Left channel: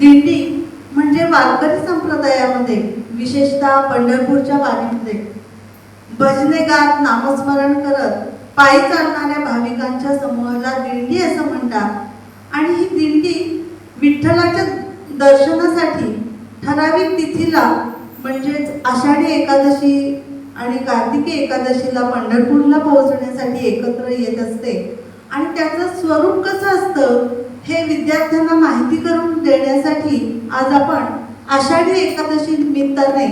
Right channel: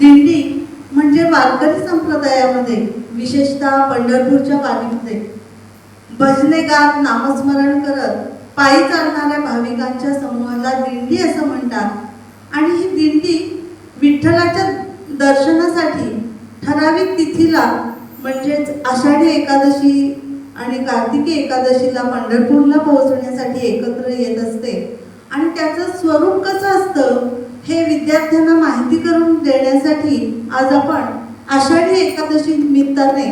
दिंडी म्हणजे वारकरी संप्रदायामध्ये विशेषतः पंढरपूरच्या वारीमध्ये. भजने गात नामस्मरण करत पायी चालणाऱ्या भाविकांच्या समूहाला दिंडी असं म्हणतात. आणि ही दिंडी विठ्ठलाच्या दर्शनासाठी ठराविक तिथीला म्हणजेच आषाढी एकादशी आणि कार्तिकी एकादशीला पंढरपूरला पोहोचण्यासाठी एकत्र येत असते. आणि त्याचं स्वरूप कसं असतं? हे विद्यार्थ्यांना माहिती करून देण्यासाठी आज आपण आषाढी एकादशी निमित्ताने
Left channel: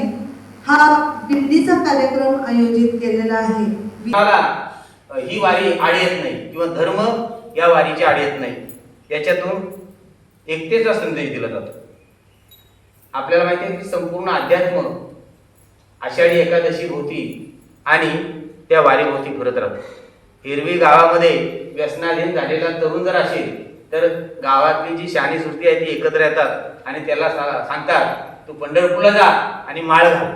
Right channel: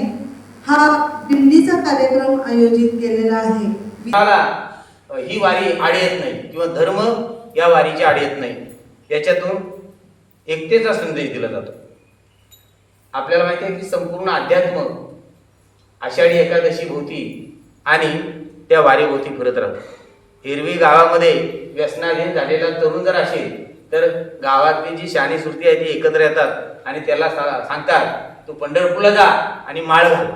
हा दिंडीचा कार्यक्रम आयोजित केलेला आहे. मला ही वारी आड येत नाही किंवा धर्म या वारीची आड येत नाही. याच्यातून एकतेचा संदेश दिला जातो. आपल्याला माहिती आहे की संपूर्ण अध्यात्म आषाढी एकादशी होती आणि त्या वारीभोवती फिरत राहतो हिरवी गावामध्ये व्यसनाधीन झालेला तरुण जर असेल तर गावातली जी शानी सुरती आहे ती एकत्र येतात आणि त्याला सा- सांगतात तू पंढरपूरला जा आणि माळ घाल.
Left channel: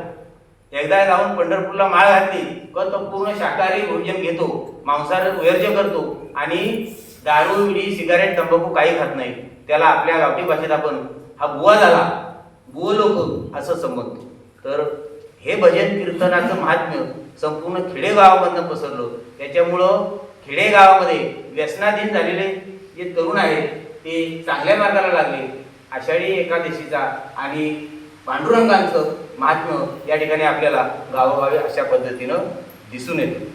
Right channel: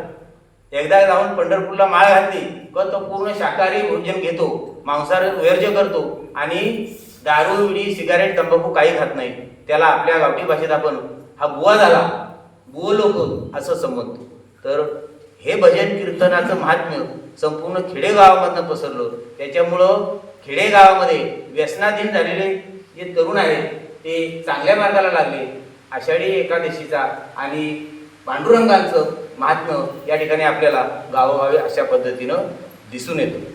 एकदा जाऊन पंढरपूरला माळ घातली व तो पूर्ण शाकाहारी भोजन घेतो मांसाहार वर्ज्य करतो आणि दारू विडी सिगारेट तंबाखू काही खात नाही. त्याला आपल्या गावठी भाषेत आपण हा बुवा झाला बुव लोक असं समजतो. तर हे भजन कीर्तनाचं महात्म्य संपूर्ण खेडेगावामधनं पसरलं. त्याच्यामुळं खेडेगावामध्ये व्यसनाधीन झालेले जे तरुण आहेत ते चांगल्या मार्गाला लागले. आषाढी एकादशीचा आणि पांडुरंगांचं महात्म्य या ठिकाणी आपल्याला गावोगावी अशा पद्धतीनं दिसून येतं.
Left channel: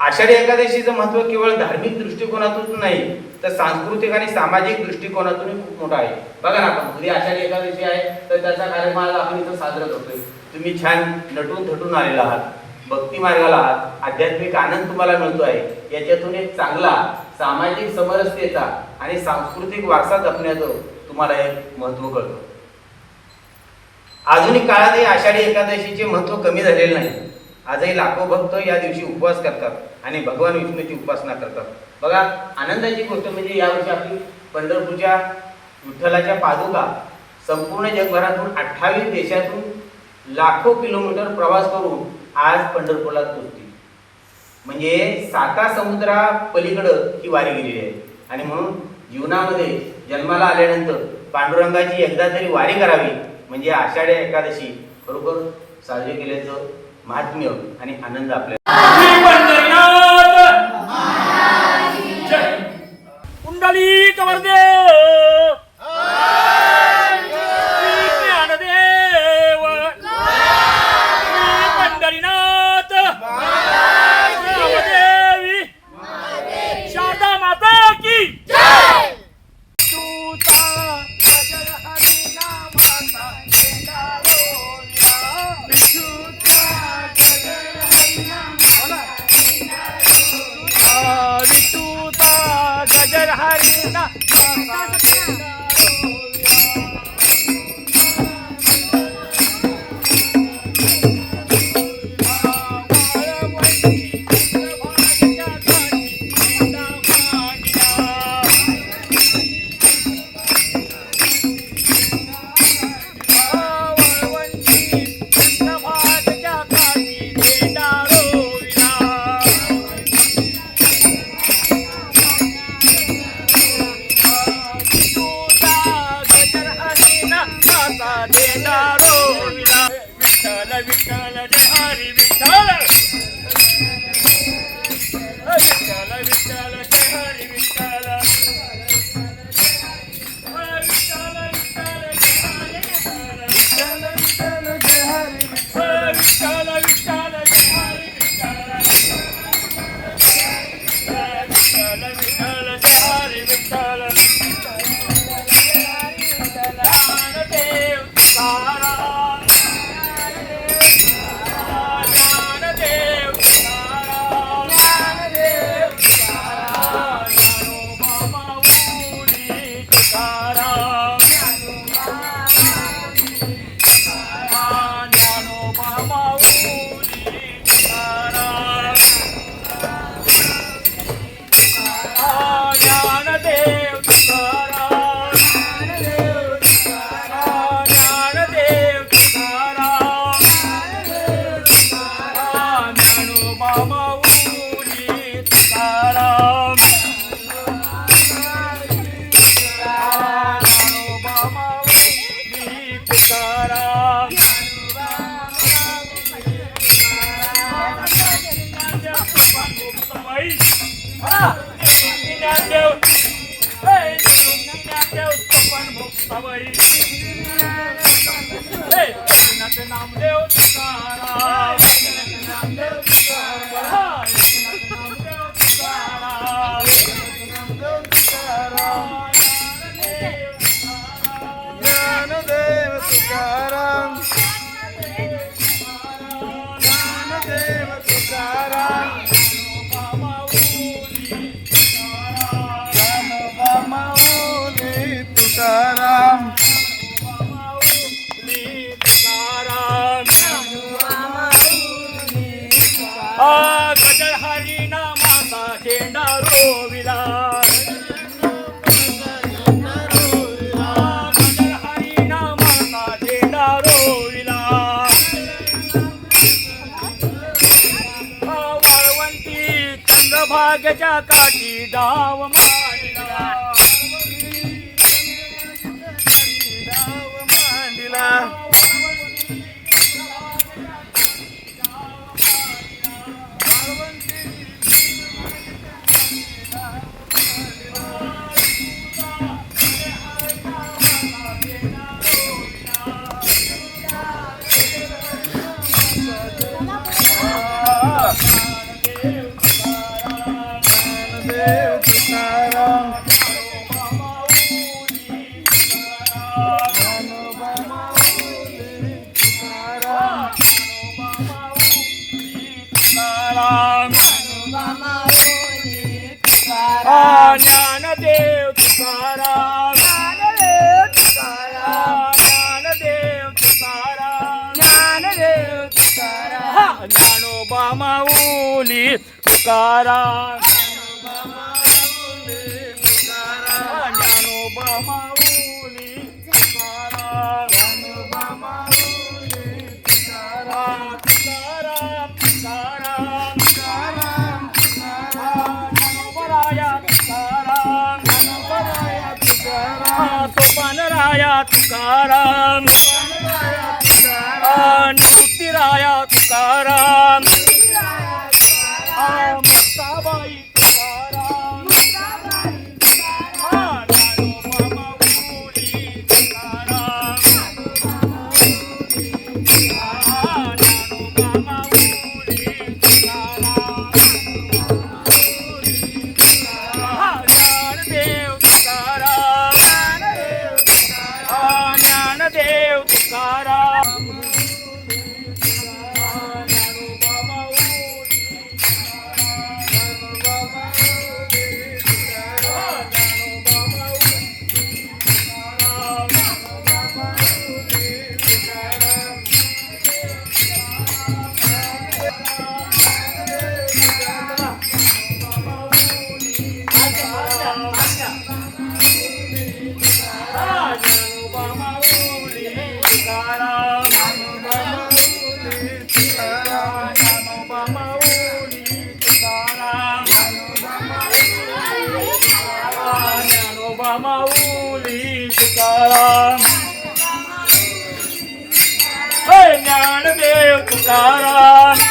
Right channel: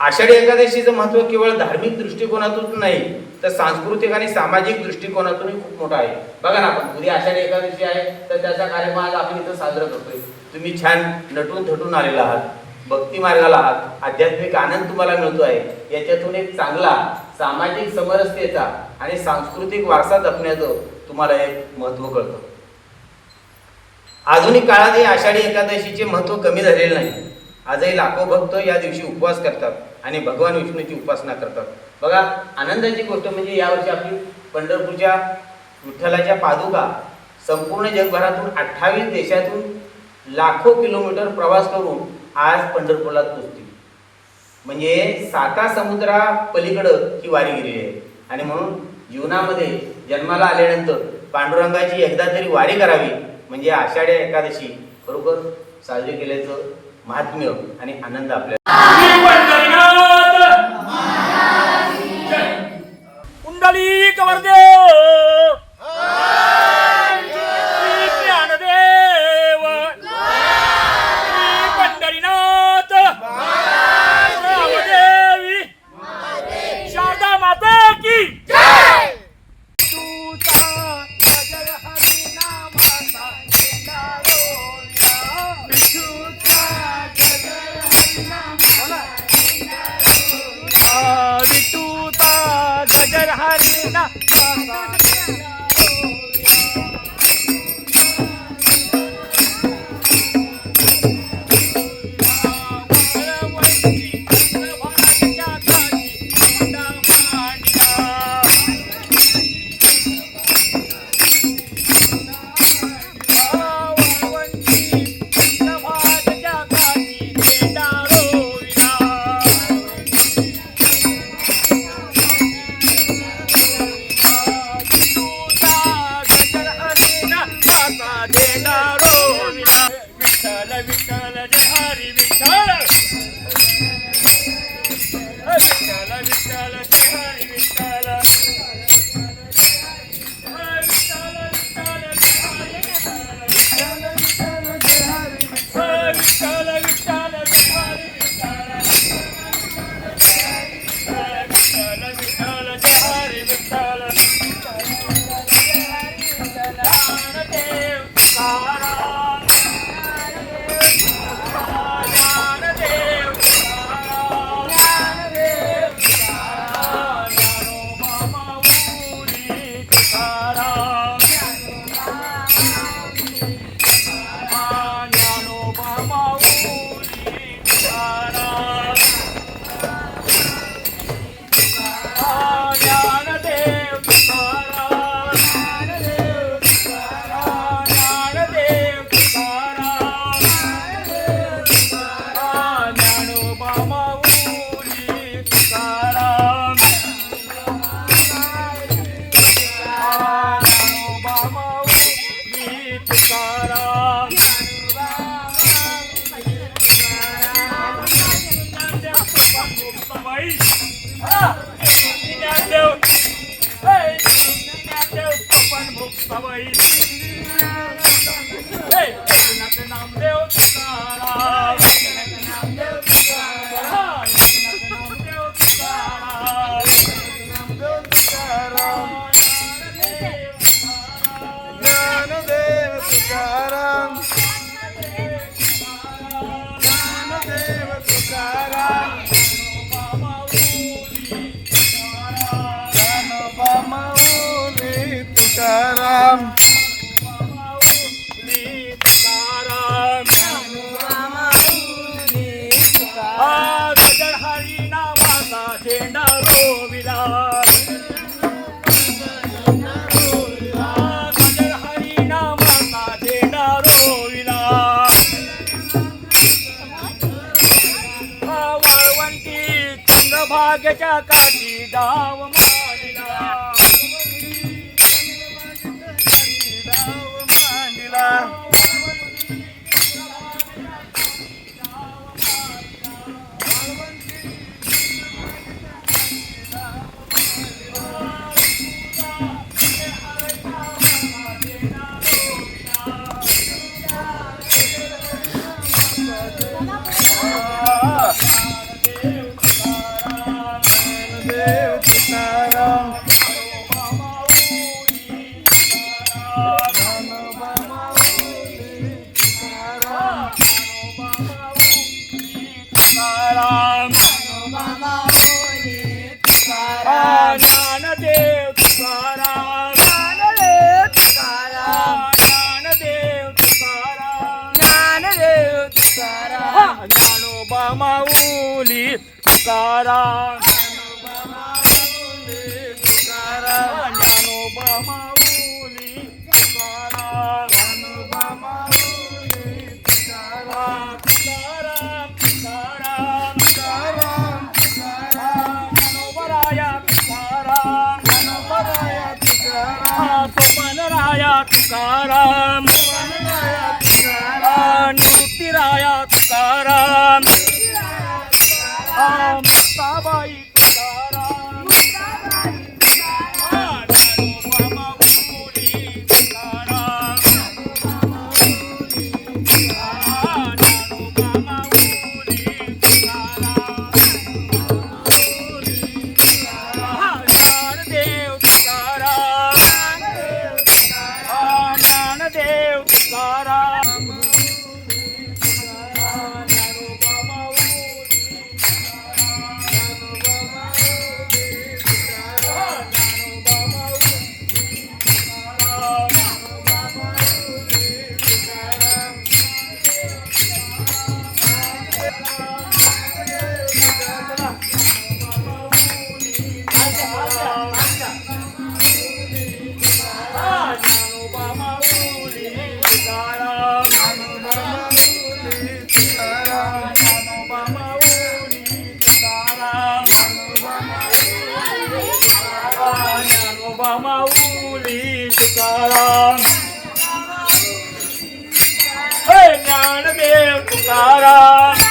आषाढी एकादशीचं महत्त्व केवळ धार्मिक दृष्टिकोनातून नाही तर सांस्कृतिक आणि सामाजिक दृष्टिकोनातूनही खूप मोठा आहे. बघा ना आपण उद्या आषाढी एकादशी आहे तर त्याचा कार्यक्रम आपण इथं साजरा करतोय. तुम्ही छान नटून थटून आलेला आहात भक्ती मार्गाला आहात आध्यात्मिक आनंद तुम्हाला मिळतो आहे याच्यातून एक चांगला सामाजिक समरसतेचा आणि सांस्कृतिक वारसा जपण्याचं तुम्हाला एक महत्त्व कळतं. आधुनिक काळात हे आषाढी एकादशीचे महत्त्व कमी झालेले नाही. आजही लाखो भक्त या दिवशी उपवास करतात आणि भगवान विष्णूची उपासना करतात. बघा आनंदाची गोष्ट म्हणजे यावर्षी आपली पंढरपूरच्या विठ्ठलाच्या पादुका संपूर्ण जगभरातून अठ्ठावीस देशातून लाखो किलोमीटर प्रवास करून आज पंढरपूरला पोहोचते म्हणजे साता समुद्रा पलीकडं ही वारी गेलेली आहे. आणि म्हणून जीवनामध्ये जन्माला आल्यानंतर पांडुरंगाची एकदा तरी वारी करावी म्हणजे आषाढी एकादशी बरोबर साजरी केल्याचं महात्म्य आणि आनंद आपल्याला Stop નામ દેવ તારા भाग्याच्या काठी धाव मा तुकारा ज्ञानोबमाऊली तुकारा तुकारा तुकारा तुकाराया तुकाराम नृतिराया तुकाराम さあ、バ。માઉલી તુકારામ હે જ્ઞાન દેવ તુકારામ